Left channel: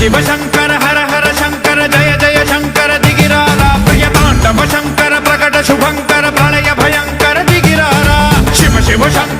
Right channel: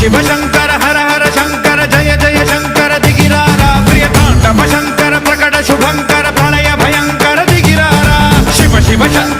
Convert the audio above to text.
शिव शंकर हर हर शंकर जय जय शंकर दिगिरारा प्रिय तांडव शंकर प्रकट शुभंकर प्रलय भयंकर दिगिरारा शिव शिव शंकर